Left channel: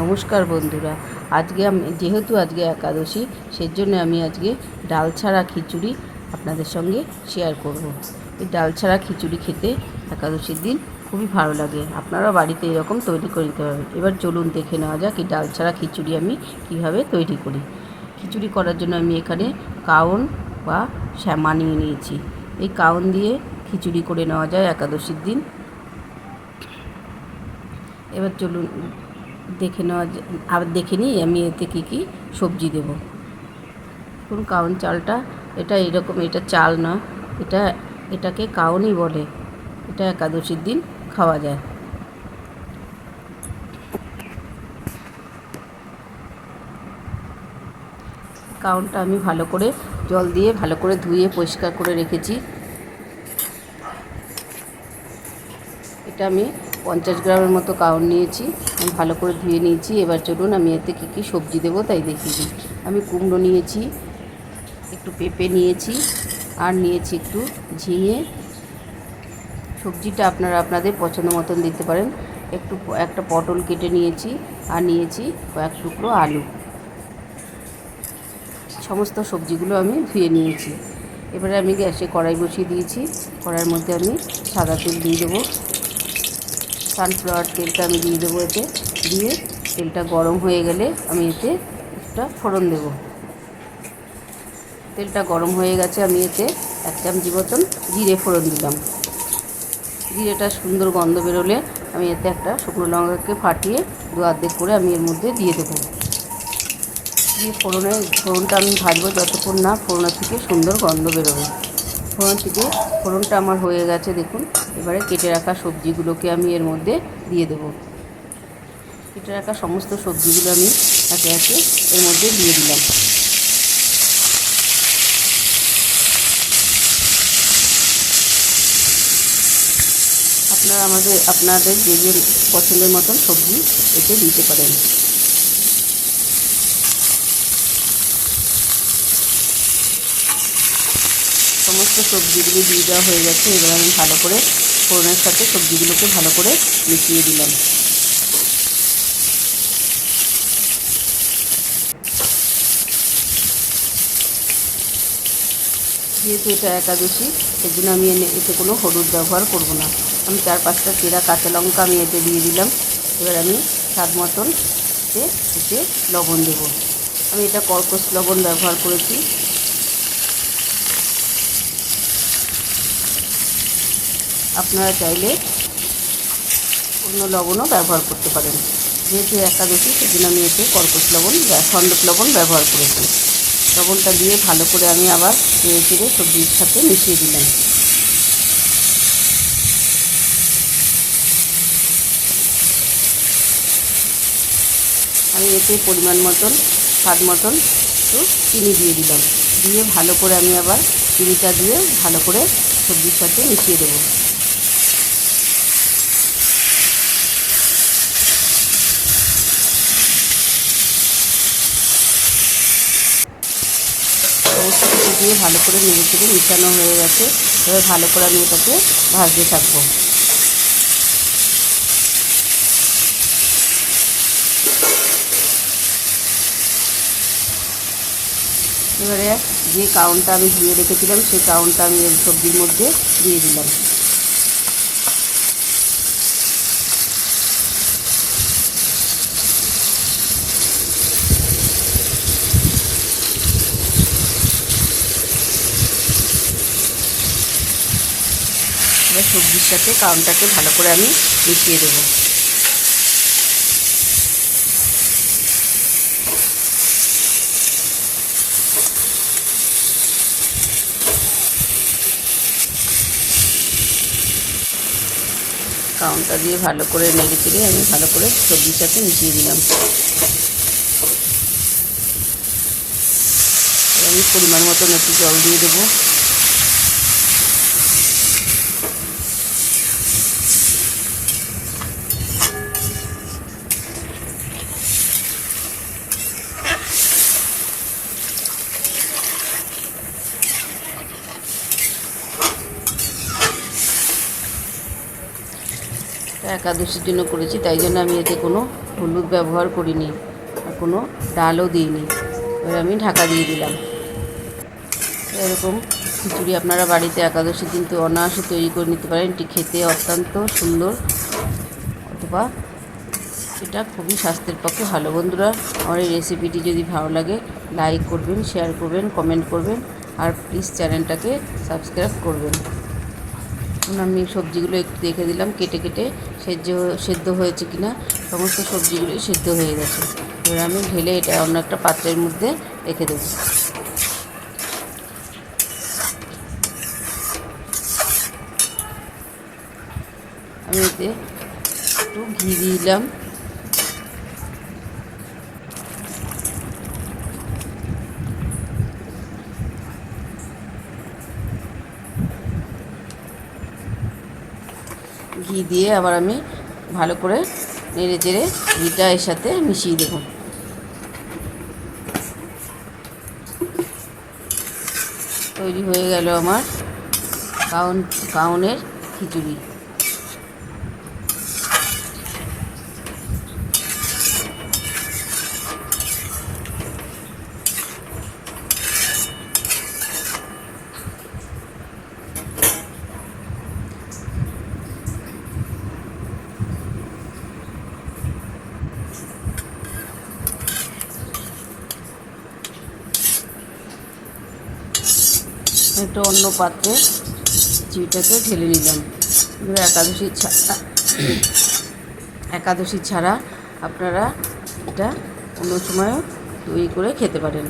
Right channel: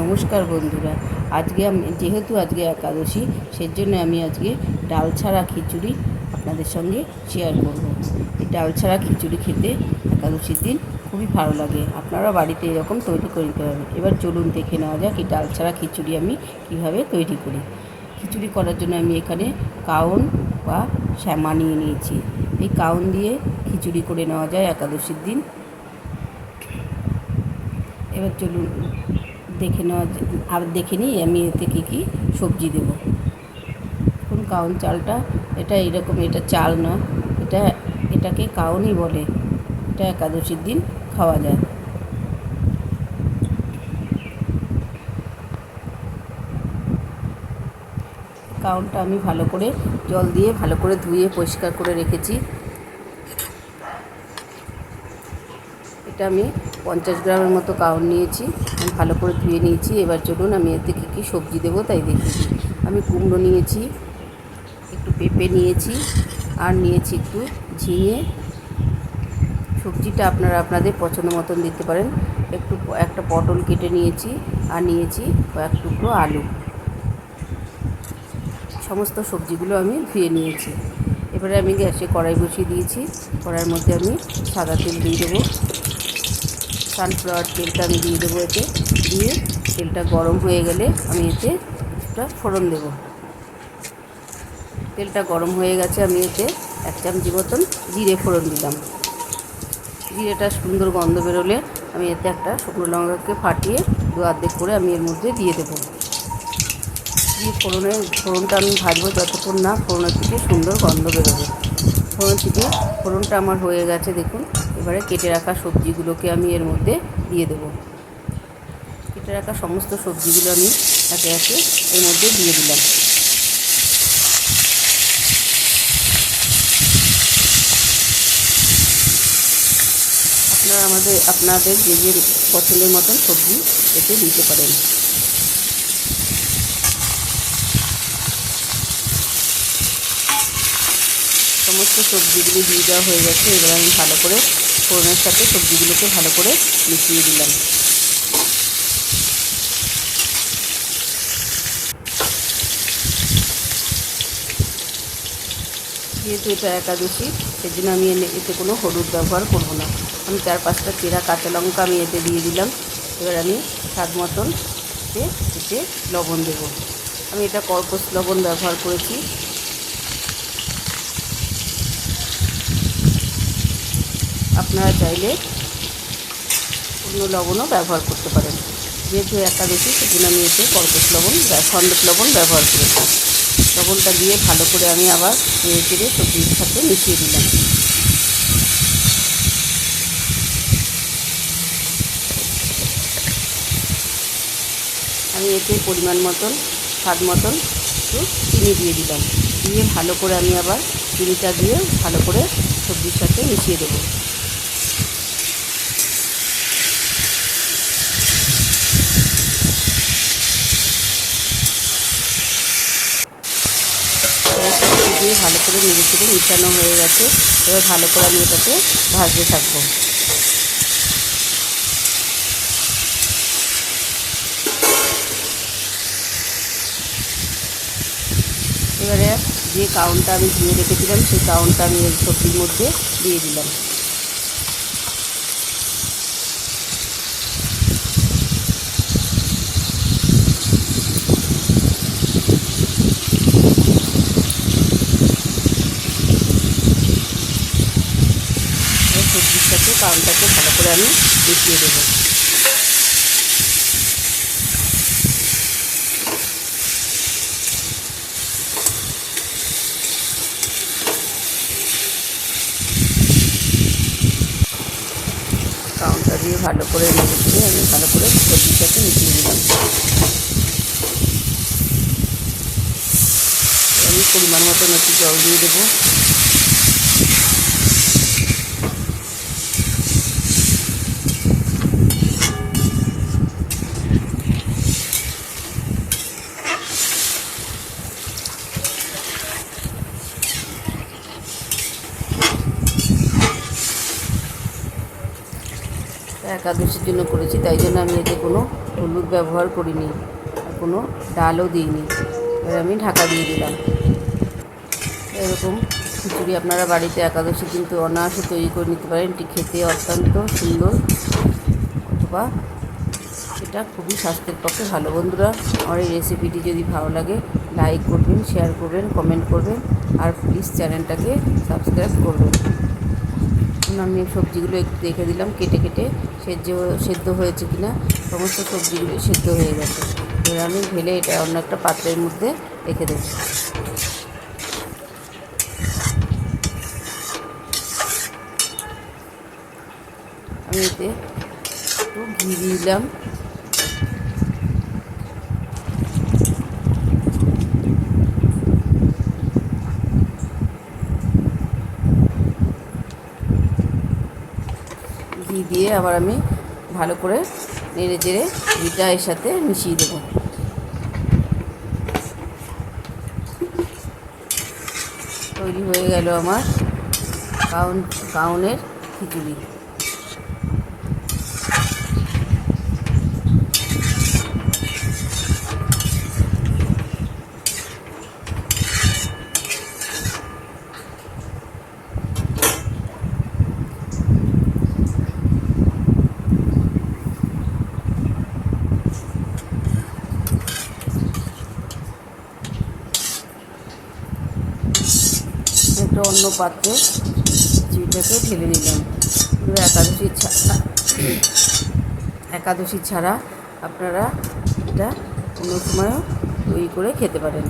নমস্কার বন্ধুরা। আজকে যেহেতু আজকে একাদশী, সেজন্য আমি আজকে ডাল ছাড়া খিচুড়ি আপনাদের সঙ্গে শেয়ার করব। এই ডাল ছাড়া খিচুড়ি খেতে একাদশীর দিন খুবই ভালো লাগে। আপনারা বাড়িতে এরকম তৈরি করে নিতে পারবেন। এবার চলুন দেখে নেওয়া যাক এই ডাল ছাড়া খিচুড়ি আমি কীভাবে তৈরি করি। খিচুড়ি করার জন্য আমি এখানে কাউন বা শ্যামা নিয়ে নিয়েছি। এই কাউন দিয়ে খিচুড়ি করে নেওয়া যায় একাদশীর দিন। এবার চলুন দেখে নিই আমি এতে কী কী সবজি দেবো। দেখুন কাউন চালটা, এটা চাল না, এটাকে কাউনই বলে। এটা একাদশীর দিন খাওয়া যায়। কাউনটা আমি ভালো করে জল দিয়ে ভালো করে ধুয়ে পরিষ্কার করে রেখেছি। এটা আমি 50 গ্রামের মতো কাউন নিয়েছি, আমি ভালো করে ধুয়ে নিয়েছি। এবার চলুন আমি এতে কী কী সবজি দেবো তাই দেখিয়ে দিই। আমি কুমড়ো নিয়েছি, একটু পেঁপে নিয়েছি, আর নিয়েছি একটু ঝিঙে। সবজিটা আপনারা আপনাদের পছন্দ মতন দিতে পারেন। একটা পটল কেটে নিয়েছি, আর নিয়েছি কয়েক টুকরো আলু। সমস্ত সবজিগুলো আমি ধুয়ে নিয়েছি। এবারে আমি গ্যাসে কড়াই বসিয়ে দিয়েছি। কড়াইয়ের মধ্যে আমি সাদা তেল দিয়ে দেবো। সানফ্লাওয়ার তেলটা আমি দিয়ে দেবো এতে। দিয়ে তেলটা গরম হয়ে গেলে আমি এতে একটা ফোড়ন দেবো। তেলটা গরম হয়ে গেছে, আমি এতে 1 চামচি মতন জিরে ফোড়ন দিলাম। জিরেটা সুন্দর গন্ধ বেরোলে আমি এতে একটা শুকনো লঙ্কাকে ফাটিয়ে অর্ধেক করে আমি এর মধ্যে দিয়ে দেবো। দিয়ে ফোড়নটা আমি ভাজবো যতক্ষণ না ফোড়নের থেকে সুন্দর গন্ধ বেরোবে। ফোড়নটা আমার হয়ে গেছে দেখুন। এবারে কেটে রাখা সবজিগুলোকে আমি এর মধ্যে দিয়ে দেবো। কেটে রাখা সমস্ত সবজিগুলো আমি একে একে এর মধ্যে দিয়ে দিলাম। আপনাদের যে পছন্দের মতন সবজি এতে দিতে পারেন। সমস্ত সবজিগুলো দিয়ে দেওয়া হয়ে গেছে। এবার আমি ভালো করে ফোড়নের সাথে সবজিগুলোকে ভালো করে মিশিয়ে দিলাম। যেহেতু এটা একাদশী, সেজন্য আমি এতে কোনো হলুদ ব্যবহার করব না। আমি 4-5টা চেরা কাঁচা লঙ্কা আমি এতে দিয়ে দিলাম। এবার আমি স্বাদ মতন এতে লবণ দেব। আমি এটা কর্কশ লবণ ব্যবহার করেছি। আপনারা চাইলে অন্য লবণও ব্যবহার করতে পারেন। যেহেতু একাদশী, সেজন্য আমি এতে কর্কশ লবণ খণ্ডক লবণ ব্যবহার করেছি। লবণটা দিয়ে ভালো করে আমি আবার নেড়ে চেড়ে সবজির সাথে মিশিয়ে দিলাম। আমি এতে পরিমাণ মতন স্বাদ মতন একটু চিনি দিয়ে দিলাম। দিয়ে ভালো করে আমি আবার চিনিটা দিয়ে ভালো করে সবজির সাথে মিশিয়ে দেবো। দিয়ে ভালো করে নেড়ে চেড়ে মিশানো হয়ে গেছে। এবার ভালো করে আমি এটাকে ভাজতে থাকবো। এবারে যে কাউনটা আমি ধুয়ে রেখেছিলাম, সেই কাউনটা আমি এই সবজির মধ্যে দিয়ে দিলাম। সবজির সাথে কাউনটাকে ভালো করে আমি মিশিয়ে দেবো। কাউনটা দিয়ে ভালো করে নেড়ে চেড়ে আমি ভালো করে সবজির সাথে মিশিয়ে দিলাম। আমি পরিমাণ মতন একটু জল দিয়ে দেবো। একাদশীর জন্য করেছি, তাই জন্য আমি এতে কোনো হলুদ ব্যবহার করিনি, আর কোনো ডালও দিইনি। এবার আমি ঢাকা দিয়ে দিলাম। এরকম খিচুড়ি আপনারা বাড়িতে একাদশী কিন্তু অনায়াসে তৈরি করে নিতে পারেন। এটি খেতে অত্যন্ত সুন্দর, অথবা এটা খুবই স্বাস্থ্যের পক্ষে ভালো। বন্ধুরা, আমার এই রেসিপিটি যদি ভালো লাগে লাইক করবেন, শেয়ার করবেন, কমেন্ট করবেন, আর প্লিজ চ্যানেলটাকে সাবস্ক্রাইব করবেন। এখন আমি সবজিগুলো একটু দেখে দিলাম কেটে কেটে সেদ্ধ হয়েছে কিনা। সমস্ত সবজিগুলোই সেদ্ধ হয়ে গেছে। এবার আমি ঢেলে এটা অন্য একটা পাত্রের মধ্যে রেখে দেবো। আমি এতে একটু ঘি দিলাম। ঘি দিয়ে আবার আমি ভালো করে নেড়ে চেড়ে ঘিটা এর সাথে মিশিয়ে দেবো। তৈরি হয়ে গেল আমার কাউনের খিচুড়ি। একটা অন্য পাত্রে খিচুড়িটাকে ঢেলে নিলাম। একাদশী ছাড়া আপনারা এটা অন্য সময়ও তৈরি করে খেতে পারেন।